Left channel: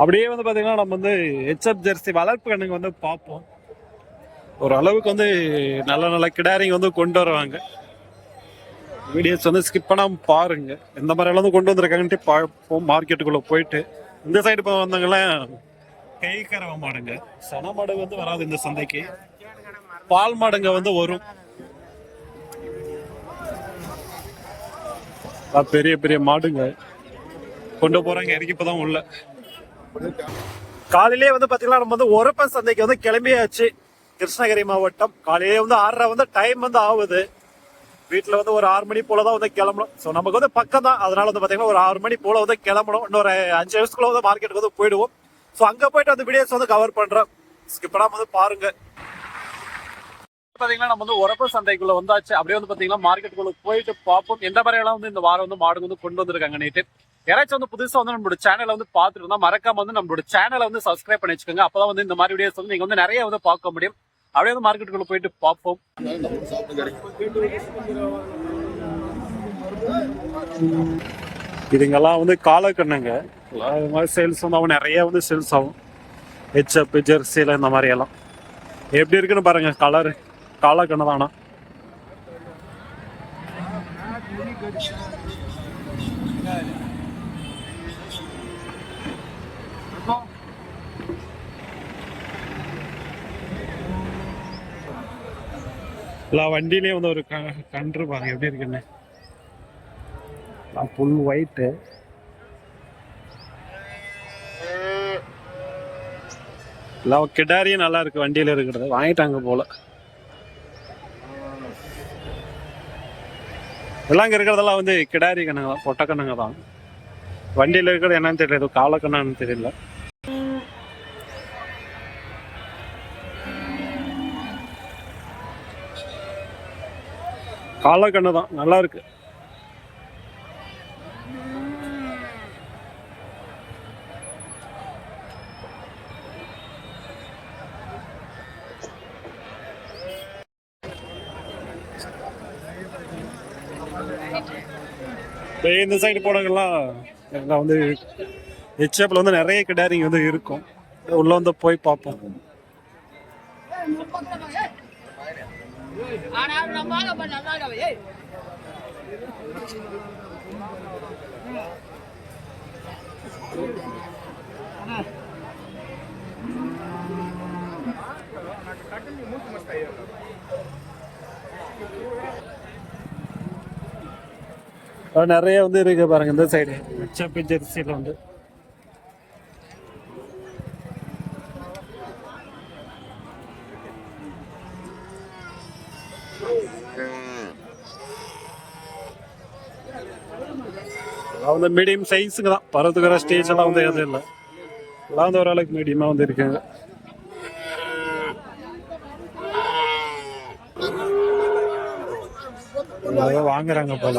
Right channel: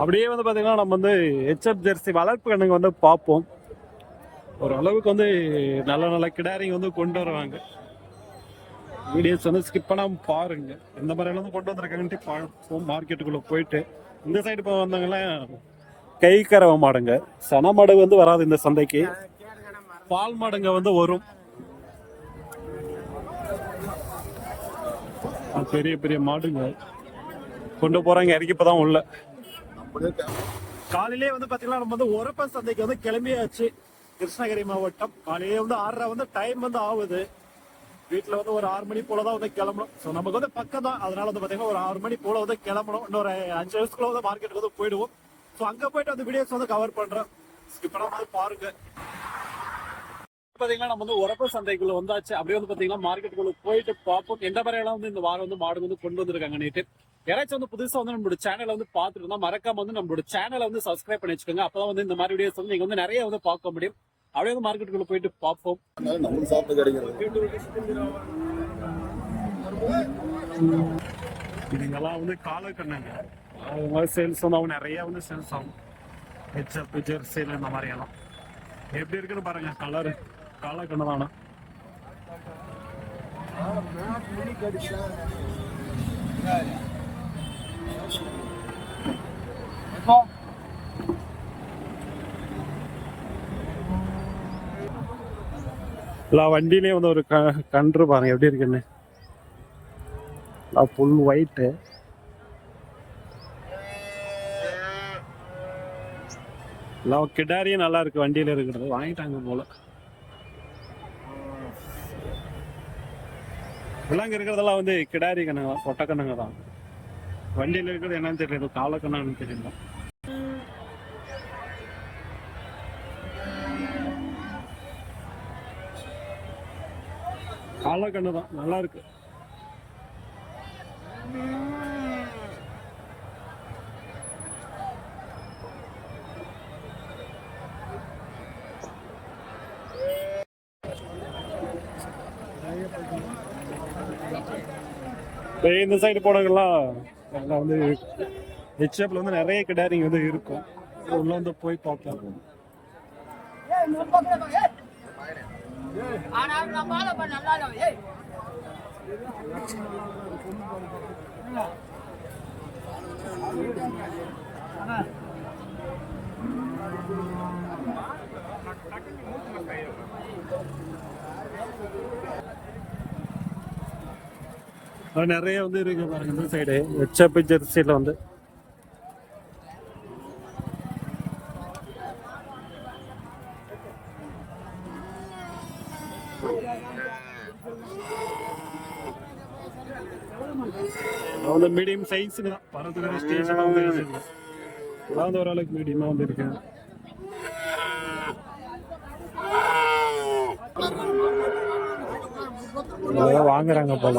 அப்படியே வந்து பார்த்தீங்கன்னா நம்ம வந்து ஹெச்எப் ஜெர்சி வளர்ப்பு கண்ணுங்க வந்து பார்ப்போம். ஒரு அளவுக்கு வந்து நல்ல நல்ல கிடாரிங்க வந்து கொண்டு வருவாங்க. வீடியோஸ் வந்து ஸ்கிப் பண்ணாமல் பாருங்க. எந்த மாதிரியெல்லாம் வந்து கொண்டு வந்திருக்காங்கன்ட்டு பார்ப்போம். மார்க்கெட்டுக்குள்ளே போயிட்டு. இந்த சைடு இப்போ வந்தவங்களாம் கை கறவை மாடுங்க. சன மாடு வந்து வராது இந்த சந்தைக்கு. பால் மாடுங்க வந்து வரும். அது பெரிய பெரிய மாடுங்க. கொண்டு போகிறாங்க இறக்கி இப்பதான் உள்ள. காலையிலேயே வந்து பாத்தீங்கன்னா நம்ம வந்து ஒரப்பன் சந்தைக்கு வந்து கிளம்பியாச்சு. கிருஷ்ணகிரி மாவட்டம். காலையிலேயே வந்து ஆறரை வந்து டைம் வந்து ஆகுது வீட்டுல வந்து ஒரு ஆறு மணி போல தான் வந்து கிளம்பணும். ஸோ நமக்கு வந்து பக்கம் தான் அதனால வந்து பாத்தீங்கன்னா ஒரு ஆறு மணி போல வந்து கிளம்பணும். இன்னொரு அஞ்சு வயசுக்குள்ள வந்து மார்க்கெட்டுக்கு வந்து போயிடுவோம். ஸோ அங்க போயிட்டு அந்த வீடியோஸ் வந்து கவர் பண்ணுறோம் ஸ்கிப் வந்து பாருங்க. பாத்தீங்கன்னா நம்ம வந்து உரப்பு சந்தைக்குள்ள வந்தாச்சு. அப்படியே வந்து பாத்தீங்கன்னா மார்க்கெட்டுக்குள்ள போயிட்டு பார்ப்போம். எந்த மாதிரியெல்லாம் வந்து இந்த வாரம் வந்து மாடு வந்து கொண்டு வந்திருக்காங்க நேற்று யாராச்சும் வந்து புதுசா வந்து நம்மளோட சேனலை வந்து பார்த்துட்டு இருந்தா மறக்காம வந்து நம்மளோட சேனலை வந்து சப்ஸ்கிரைப் பண்ணி வச்சுக்கோங்க. அப்பதான் வந்து இந்த மாதிரி வீடியோஸ் வந்து நீங்க வந்து நிறைய வந்து பார்க்க முடியும். அப்படியே வந்து மார்க்கெட்டுக்குள்ள போயிட்டு பார்ப்போம். இதுங்கெல்லாம் வந்து காலக்கண்ணுங்க. இது மாதிரி சேல்ஸ் வந்து அவன் நிறைய வந்து சேல்ஸ் ஆகும். ஹெச்அப் ஜெர்சியில் இந்த மாதிரி எல்லாம். எப்படி இருக்குன்னு பாருங்க கலரு காலக்கண்ணு தானா? எல்லா வண்டியிலையும் வந்து ஒரு க கன்று பாருங்க எப்படி இருக்குன்னு ஃபுல் ஒயிட்டு எல்லாம் கிடாரியும் நல்லா இருக்கு வண்டியில இருக்கிறது. வாங்கிட்டாங்க போல. எல்லாம் இங்க இருக்கிறதெல்லாம் வந்து கிடாரி கண்ணுங்க தான் பொட்டை தான். வண்டியில இருக்கிறது என்னன்னு தெரியல காலக்கண்ணான்னு தெரியல. கால தான் நல்லா இருக்கு. இந்த சைடு போனவங்கெல்லாம் எல்லாம் வந்து ஹெச்எப்ல வந்து நிறைய கிடாரிங்க வந்து இருக்கும். உள்ளே வந்து போய் பார்ப்போம். ஆனால் நம்மால் அப்ப நல்லா நிறைய வந்து இருக்கு பாருங்க இந்த சைடு ஹெச்எப் ஜெர்சியில் வந்து. அவங்க வந்து மீடியம் சைஸுங்க தான். பறந்துக்கிற ஸ்டேஜ் எல்லாம் வந்து எதுவும் இல்லை. எல்லாம் வந்து ஓரளவுக்கு மீடியமாக வந்து இருக்குங்க அதான் வாங்குறாங்க போல.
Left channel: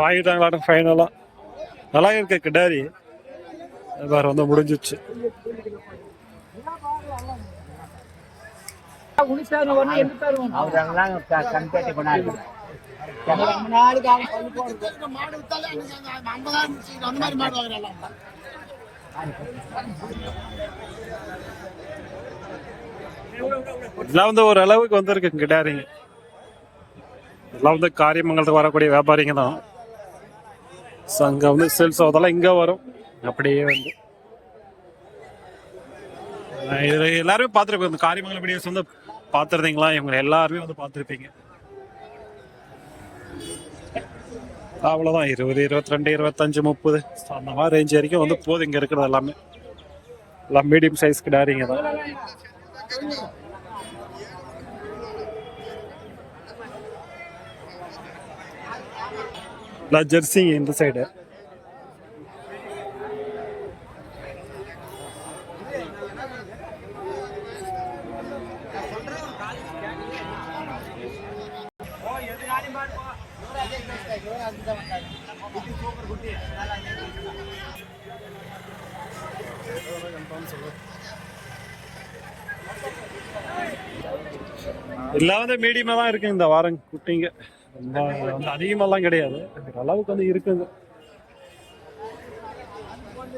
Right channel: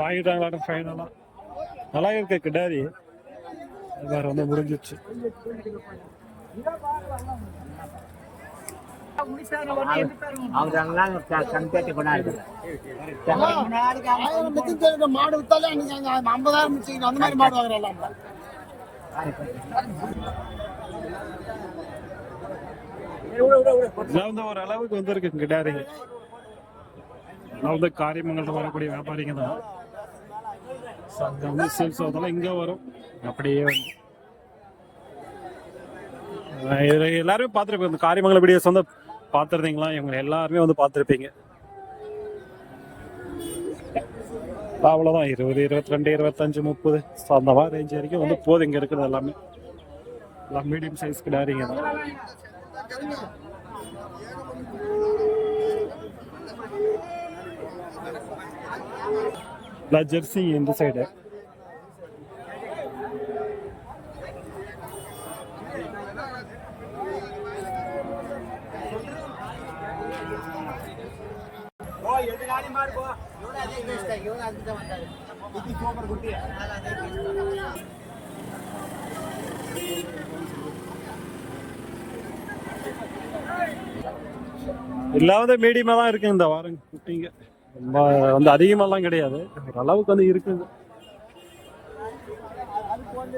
வாங்கிட்டாங்களாட்டும் ஃபைனலாக நல்லா இருக்கு கிடாரி வேறு வந்து முடிஞ்சிச்சு மாடு வித்தாலே ஐம்பதாயிரம் முடிச்சுக்கணும் அந்த மாதிரி மாடு வாங்குறாங்க இதெல்லாம் வந்து ஒரு அளவுக்கு வந்திருக்கு கிடாரிங்க இதெல்லாம் வந்து காரியமங்கலத்துக்கு வரக்கூடிய வியாபாரிங்க தான். ஸோ அங்கே வந்து சேல்ஸ் ஆகுதெல்லாம் இங்கே வரும். அப்படியே வந்து. இதில் எல்லாருமே பார்த்துருப்பீங்க. இந்த காரியமங்கல வீடியோஸ் வந்து பார்த்துருந்தீங்களா? இவங்க எல்லாருமே வந்து பார்த்துருப்பீங்க. அவ்வளோதான் இருபது இருபத்தி ரெண்டு இருபத்தஞ்சு முப்பது. ஸோ அந்த மாதிரி ரேஞ்ச் வரைக்கும் வந்து போதும் இங்கே இருக்கிறது எல்லாமே. எல்லாம் மீடியம் சைஸ் கிடாரிங்க தான். இல்லை ஜெர்சிங்க இந்த சைடு இல்லாத வந்து மீடியமாக தான் இருக்குங்க இந்த வாரம் குட்டிங்க. ரொம்ப வந்து அதிகமாலாம் கிடையாது. ஓரளவுக்கு வந்து இருக்குங்க.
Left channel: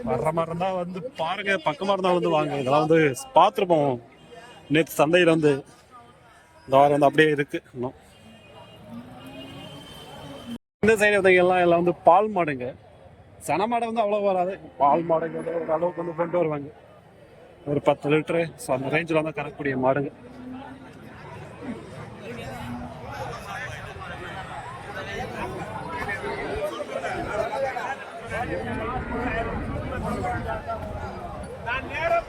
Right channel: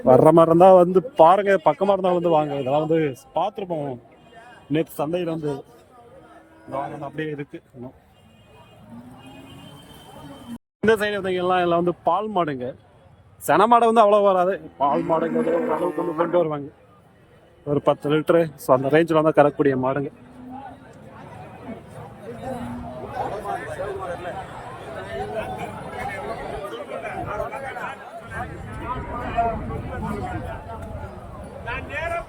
வர்ற மாதிரி இருந்தால் வந்து பாருங்க பக்கமாக இருந்தால் வந்து வாங்க. இதெல்லாம் வந்து பார்த்துருப்போம். நேற்று சந்தையில் வந்து இந்த வாரம் வந்து அப்படியே இருக்கு. இன்னும். இந்த சைடு வந்தீங்கலாம் எல்லாம் வந்து பால் மாடுங்க. சென மாடை வந்து அவ்வளோ வராது. பால் மாடுங்கிறது ஒரு அளவுக்கு வந்து கொண்டு வருவாங்க. ஒரு பத்து லிட்டரு ஸோ அந்த ரேஞ்சில் வந்து கறக்கக்கூடிய மாடுங்க. நான் நேரம்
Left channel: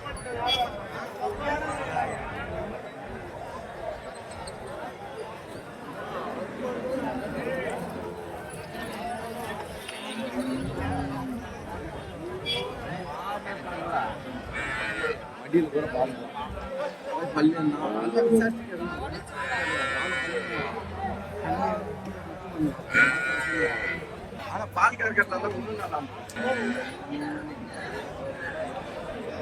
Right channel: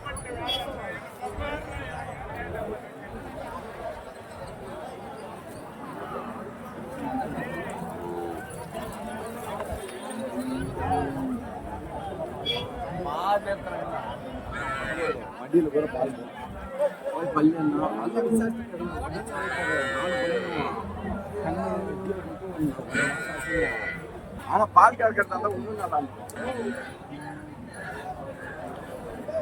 வண்டியில் கூட பாருங்க. பள்ளி ஆமா பால் கறக்கிறதா இருந்தா இன்னும் நல்லா இருக்கும்